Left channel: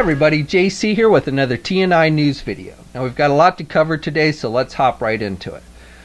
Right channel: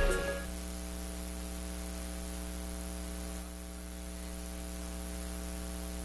everybody, JC here with another TNINews video. Now we've got a lot to cover today, so let's hop right into it.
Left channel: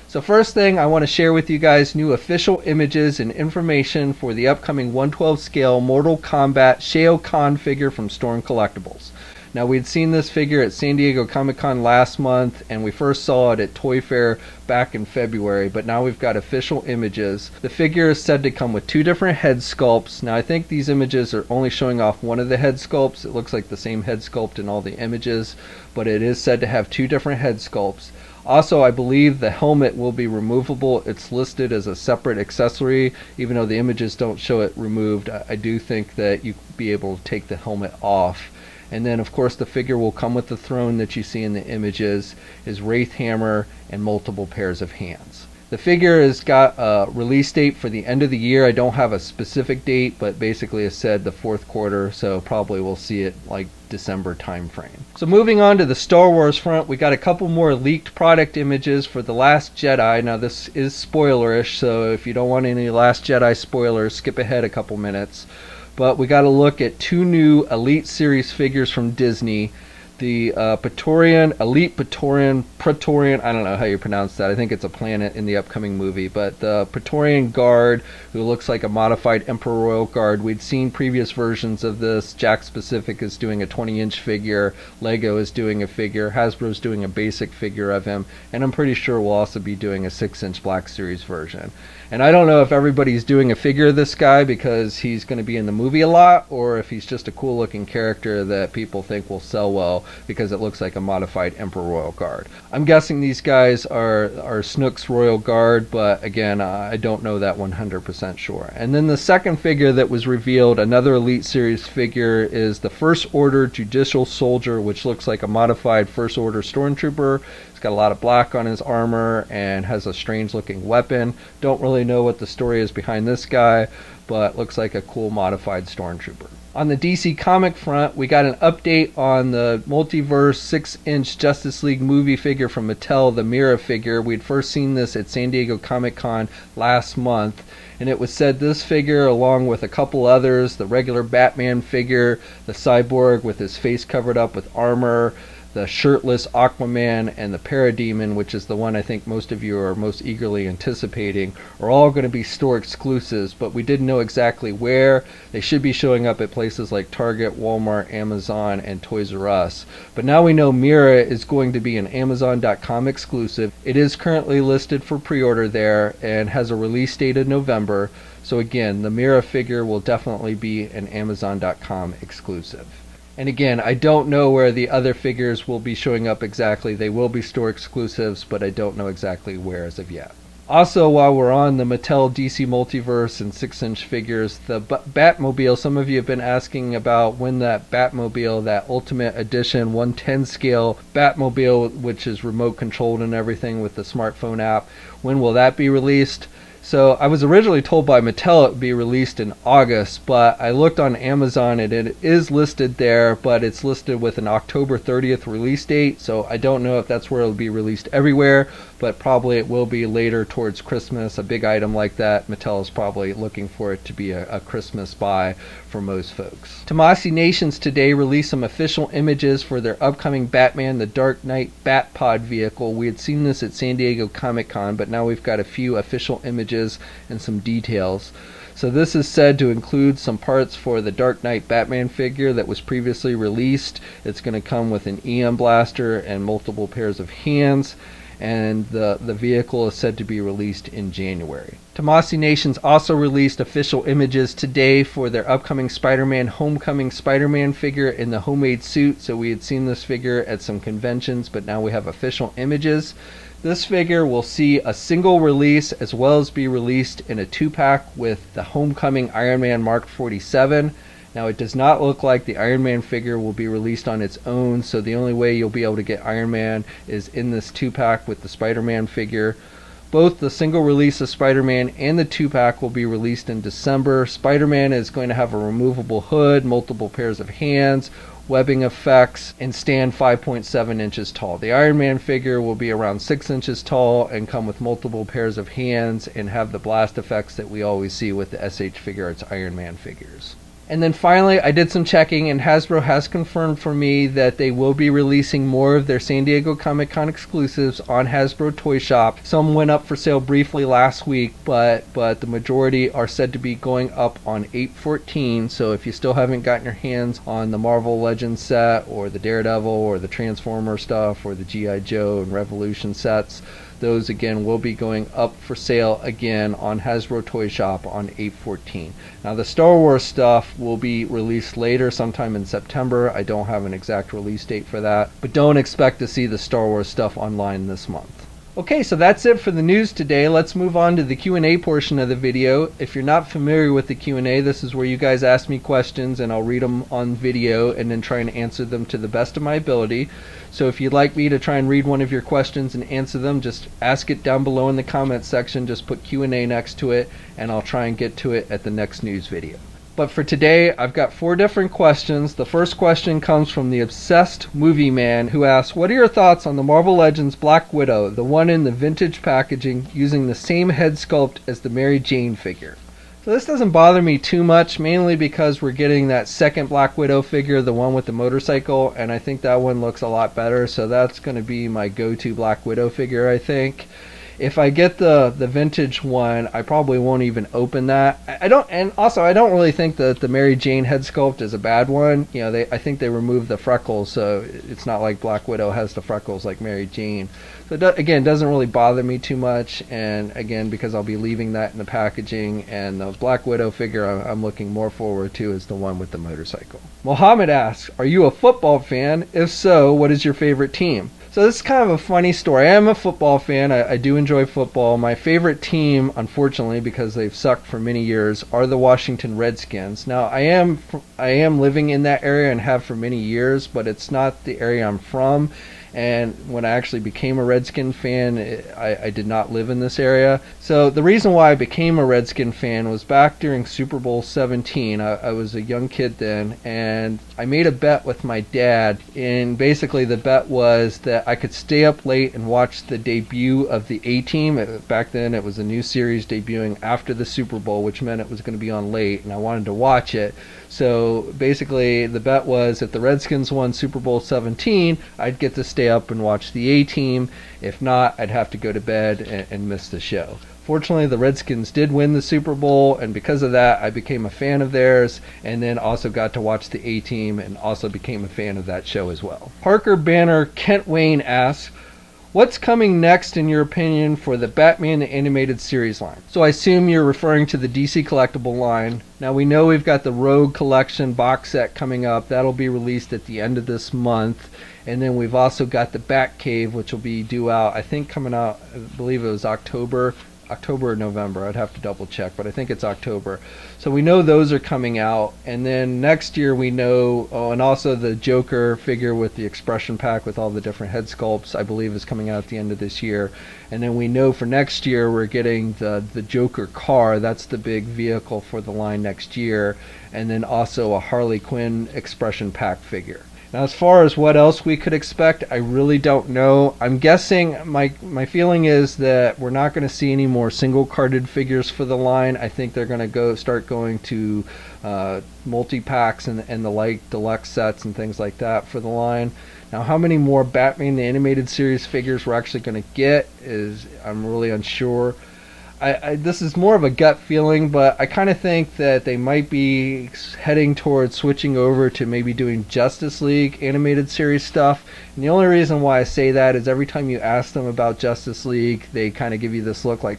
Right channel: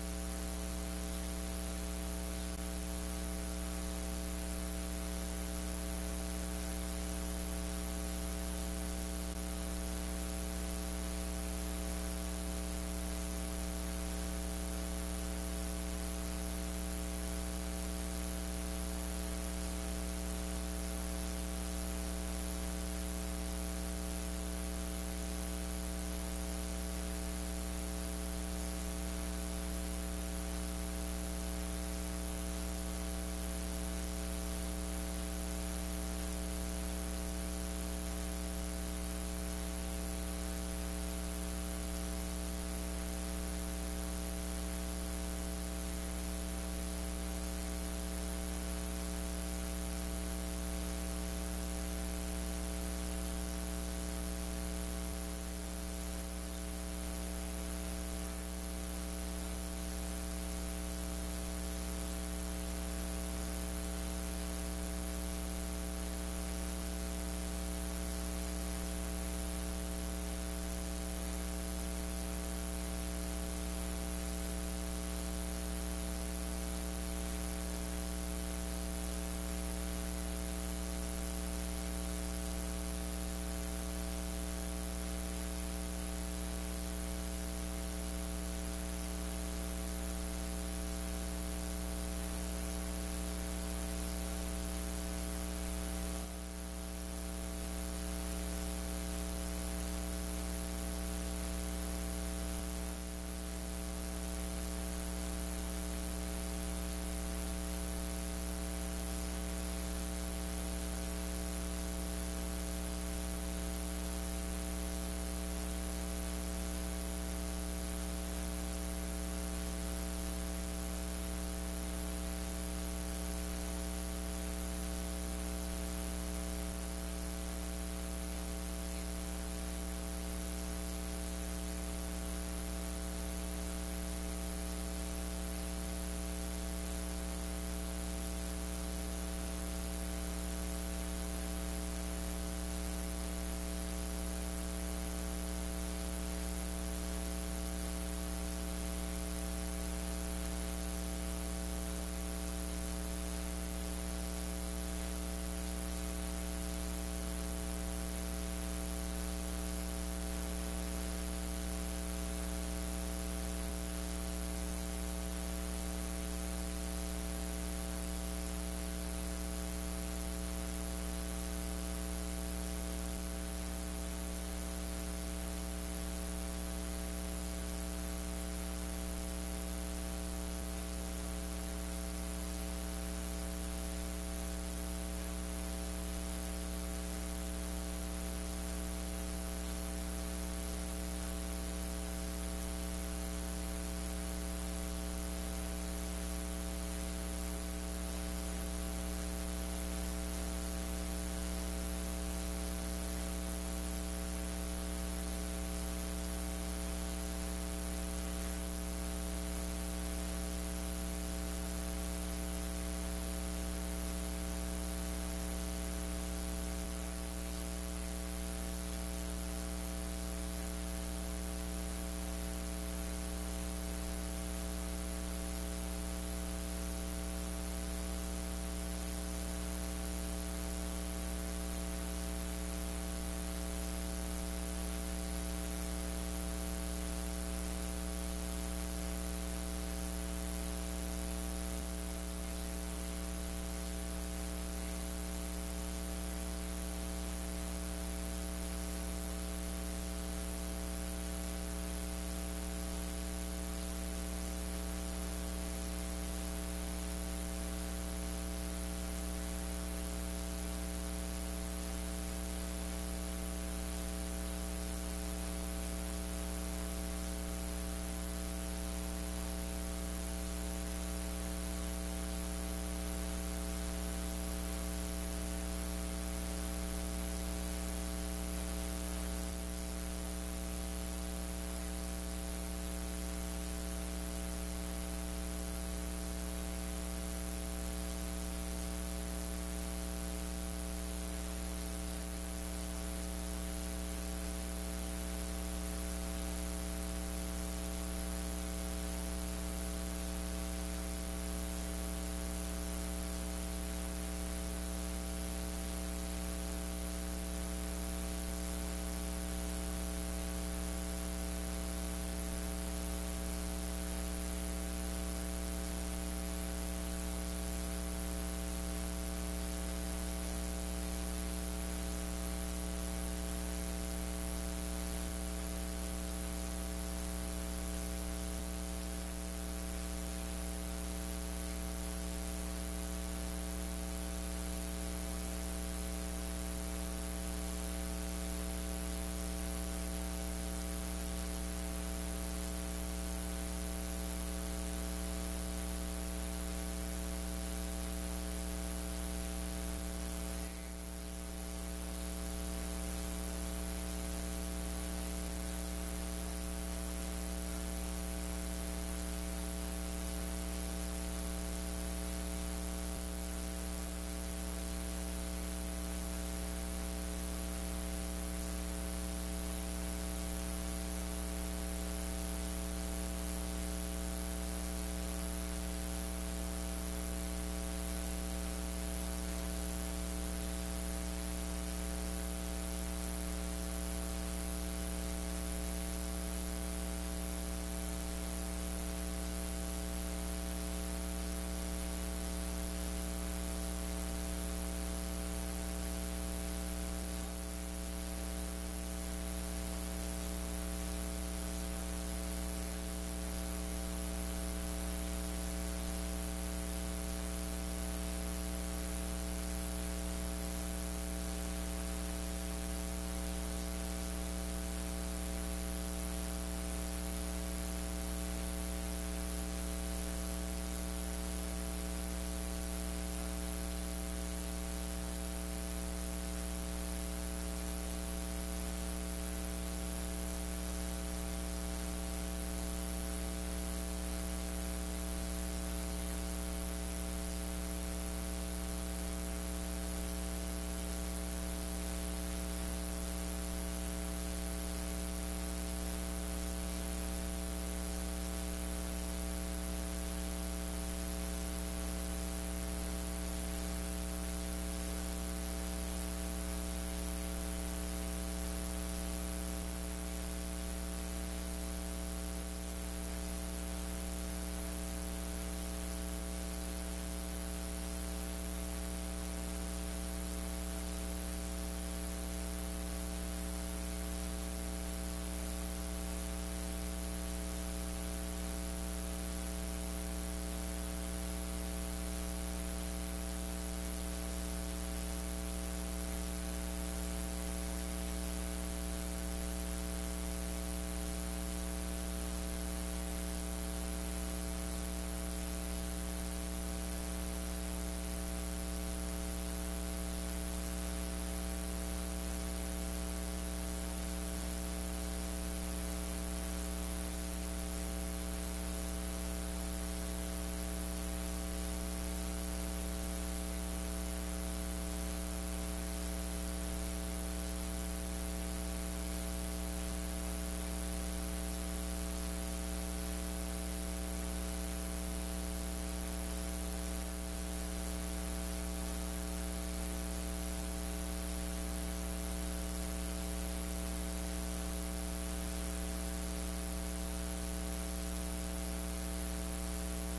So first thing, I want to share with you guys new official images and information for the upcoming 1/12 scale Mortal Kombat Shale figure from Storm Collectibles. Now we'd seen this figure at San Diego Comic-Con last month, and we first saw it at Toy Fair back in February, but now we've got official images. The figure is said to come with two different head sculpts. Now I think these images are only showing off one of the head sculpts. It looks like the same head sculpt in all the images, but it is said to have two different head sculpts. Also, I believe the helmet will be removable. It's listed as a separate accessory, even though the images don't show it removed. I do think that you'd be able to take the helmet off. And then of course the figure will come with the throne that you see in the images, his wraith hammer, and multiple pairs of hands. The figure has got a release date for the end of the year. I don't have a specific date, but basically it said the fourth quarter, so probably we'll see it like December time frame. So moving on to the Star Wars front, we got a couple more leaked product images for The Last Jedi. Now this is spoilerish, so if you don't want any Last Jedi spoilers, skip ahead a couple minutes. But we got to look at two new Elite Series figures from Disney. The Praetorian, I don't know how you pronounce that. I think it's a planet in the upcoming movie. But the Praetorian Guard, who looks like a modified Emperor Royal Guard. We'd seen previous versions of this. Jakks Pacific is doing a 20-inch figure. Lego is doing a figure. Hasbro's doing a basic figure of him. And I'm pretty sure we'll also be doing a 6-inch Black Series version. And I don't know if everybody's doing a figure of this guy because he's going to be in the movie a lot, or if he's just a cool looking character that people think will sell well because it looks like a modified Emperor Royal Guard. I'm guessing these guys are Snook's Royal Guard, but again, I don't know that 100% sure. And then the second figure that was revealed, another Elite Series figure, is the First Order Judicial Soldier, which looks like a modified First Order Stormtrooper. He's got a lot of black on his armor and has a strange looking weapon. Don't really know what the story is behind this guy, but looks like a cool modified Stormtrooper. On the DC comic front, we got an update on the Multiverse 6-inch Justice League movie figure from Mattel, the Mira figure. We'd first seen this at San Diego Comic-Con last month, and it was said this figure, along with a couple others, the regular Batman figure, the Cyborg with his face covered up with armor, the shirtless Aquaman, and the Parademon, which is the one I think most of you are most eagerly anticipating, are all going to be store exclusives, but we didn't know exactly where. They should be showing up at places like Target, Walmart, Amazon, and Toys R Us. But now we know Mira is going to be an Amazon.com exclusive. It is currently listed for pre-order there and has a release date in November. So again, the Mira figure will definitely be an Amazon.com exclusive. And again, I don't know where the other figures will be showing up exactly. They will be store exclusives, but I don't know exactly where as of yet. Also, while we're on the Mattel DC Multiverse and 6-inch figures, the Batmobile, some of you have been asking about when that Batmobile, that Ultimate Edition 1/10 scale Batmobile, which is remote controlled and everything with the smartphone app, when will that be released? So I was originally told by Mattel it would be released in August, but I looked on Amazon and it is listed there, but it's listed with an October 30th release date, so I don't know if that's where it'll be released everywhere, but probably it will be later towards Christmas. A big item like that, Mattel is probably looking for it to be a Christmas buy for most folks. Tomasi Nations today released some official images for their upcoming Batman the Dark Knight Batpod vehicle. We had seen this at San Diego Comic-Con, but now we've got a few official images and some details. So this is said to include some parts for the Dark Knight Batman figure that was previously released. It's going to come with an EM blaster and multiple pairs of hands, and the vehicle is said to be released in January. Tomasi Nations also released official images today for their upcoming Spider-Man Homecoming Spider-Man figure in the homemade suit. So we had seen this figure at some conventions, but now we have official images. This figure will see a single release as well as be released in a 2-pack with the Homecoming Iron Man Mark 47. Now it does not look like the Iron Man figure will be released on its own, so the only way you'll be able to get Iron Man is in this 2-pack with the Spider-Man figure. Both the single release of Spider-Man and the 2-pack will be released in December. Spider-Man is going to have a removable hood, multiple pairs of hands, webbing effects, and stand 5.7 inches tall. The Iron Man figure will be around 6 inches tall and come with multiple pairs of hands and have the blast effects that we always see with the SH Figuarts Iron Man figures. And then finally, I did some checking, and Hasbro has confirmed for me that they will be releasing more of their San Diego Comic-Con exclusives on Hasbro Toy Shop. Some went up for sale briefly last week, but the majority are said to be going up on 8/14. So if you still haven't gotten your hands on the Marvel Legends set, or the Daredevil, or the Transformer stuff, or the G.I. Joe and Revolution sets, those again will be going up for sale again on Hasbro Toy Shop on 8/14. Now the Star Wars stuff will be released later, sometime in September. I don't have an exact release date for that, but don't expect to see the Star Wars stuff online this month. Okay, so that's it for the news today. Let's move on to the Q&A portion of the video. If you're not familiar with the Q&A, this is where you guys ask me questions and I'll read them on video and then try and answer them to the best of my ability. So if you'd like me to try and read one of your questions and answer them, just ask it down below in the comments section. Just put Q&A next to it and I'll try and get to it at the next news video. But for today, I've got 4 different questions. The first question comes from the Obsessed Movie Man, who asks, what are your thoughts on the Marvel Legends Black Widow, the one in the vintage packaging, using the same head sculpt as the Mary Jane figure? So this doesn't bother me too much, mainly because we're getting that second Black Widow figure, the one with the motorcycle, and I think that one looks a lot better, so that's going to be my go-to Black Widow figure, I think. If I get the vintage one, I probably won't even open that. I don't really think that the Mary Jane head sculpt is a bad one. You know, I think they removed the freckles, so it's not like Black Widow has the freckles like Mary Jane. So again, doesn't really bother me too much, and again, because I'll be leaving that in the packaging, and the Black Widow figure I'm looking more forward to is the one with the motorcycle. Mohammed asks, are you a football fan? If so, what is your favorite team? So this is kind of a funny story. I am a football fan. I do enjoy football. My favorite team, unfortunately, because they've sucked for many years, are the Washington Redskins. Now, I am living in that area and have for many years, but it's not the area I'm from. And when I actually became a Redskin fan, I did not live in this area. So the reason why I became a Redskin fan was back during Super Bowl 17. I was a young kid then, and I made a bet with my dad, and basically the bet was that I could stay up late and watch the debut of the A-Team. Back then it was a new series debuting after the Super Bowl, which meant it was going to be on late, and I wanted to watch it. So basically the bet was if the Redskins won Super Bowl 17, I'd get to stay up and watch the A-Team. If not, I'd have to go to bed and miss the show. Fortunately, the Redskins did win the Super Bowl, and because of that, I became a fan of theirs, and then also got to watch the A-Team and also became a fan of that show as well. Parker Banner Kent Wayne asks, what's coming next in your opinion for the Batman the Animated Series line? So I assume you're referring to the DC Collectible line. Now we know we've got the Rogue Collection box set coming up. That'll be released at the end of this month. And then we've also got the Batcave, which will be due out, I think coming out, I believe it was October or November. I'd have to double check, but I think it's October. So we know those are coming out, and then next year we know, and also the Joker figure with the expression pack with all the different head sculpts, I believe is coming out at the end of this year. And then we know for next year we're getting the Joker car. That's the big vehicle for the line next year, and then also a Harley Quinn expression pack figure. Now as far as what else we could expect, I really don't know. I'm guessing, my feeling is that we're not going to see any more single carded figures for the line. I think they're going to start going to multi-packs and the like, deluxe sets and things like that for the line. Now how many more Batman the Animated Series figures we're actually going to get is, I'm really unsure. This is more of a gut feeling, but I kind of think that they might be heading towards switching over to maybe doing Justice League Animated Series stuff. And the only reason why I say that is every time you ask them about Justice League, they kind of give you this look like,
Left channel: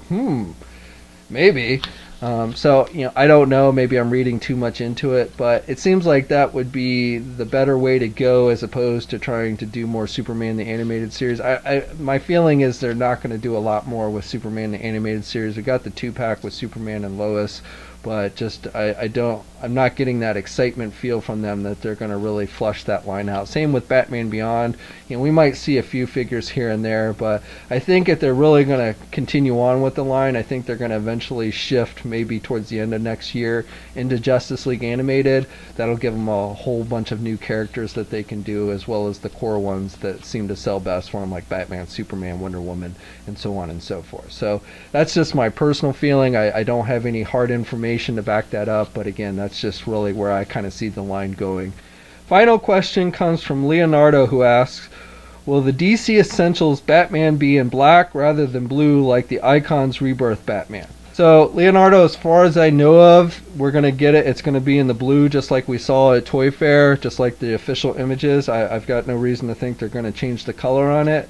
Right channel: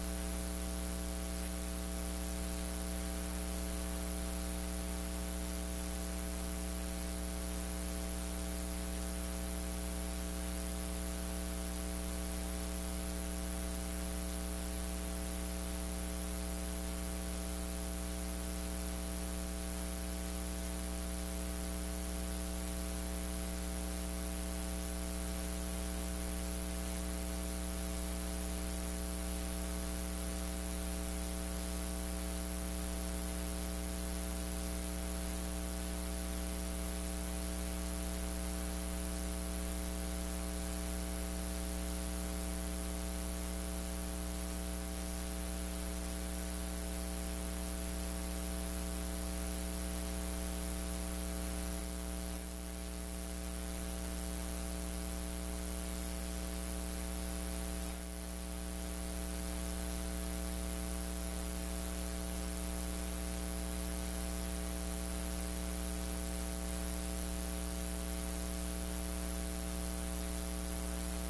maybe. So, you know, I don't know, maybe I'm reading too much into it, but it seems like that would be the better way to go as opposed to trying to do more Superman the Animated Series. My feeling is they're not going to do a lot more with Superman the Animated Series. We got the 2-pack with Superman and Lois, but just I'm not getting that excitement feel from them that they're going to really flush that line out. Same with Batman Beyond. You know, we might see a few figures here and there, but I think if they're really going to continue on with the line, I think they're going to eventually shift maybe towards the end of next year into Justice League Animated. That'll give them a whole bunch of new characters that they can do, as well as the core ones that seem to sell best for them, like Batman, Superman, Wonder Woman, and so on and so forth. So that's just my personal feeling. I don't have any hard information information to back that up, but again, that's just really where I kind of see the line going. Final question comes from Leonardo, who asks, will the DC Essentials Batman be in black rather than blue like the Icons Rebirth Batman? So Leonardo, as far as I know of, we're going to get it. It's going to be in the blue just like we saw at Toy Fair, just like the official images. I've got no reason to think they're going to change the color on it.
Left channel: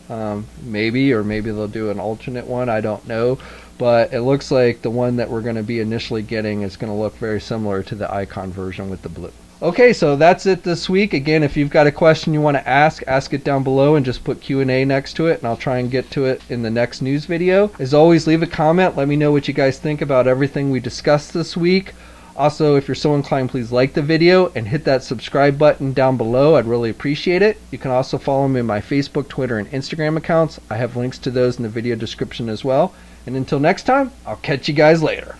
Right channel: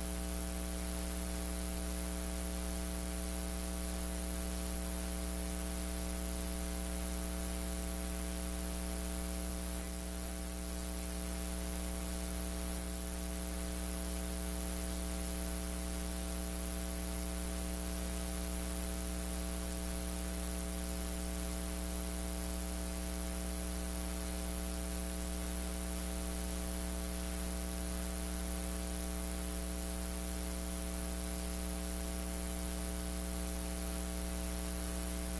Maybe they'll do an alternate one. I don't know. But it looks like the one that we're going to be initially getting is going to look very similar to the Icon version with the blue. Okay, so that's it this week. Again, if you've got a question you want to ask it down below and just put Q&A next to it, and I'll try and get to it in the next news video. As always, leave a comment. Let me know what you guys think about everything we discussed this week. Also, if you're so inclined, please like the video and hit that subscribe button down below. I'd really appreciate it. You can also follow me in my Facebook, Twitter, and Instagram accounts. I have links to those in the video description as well. And until next time, I'll catch you guys later.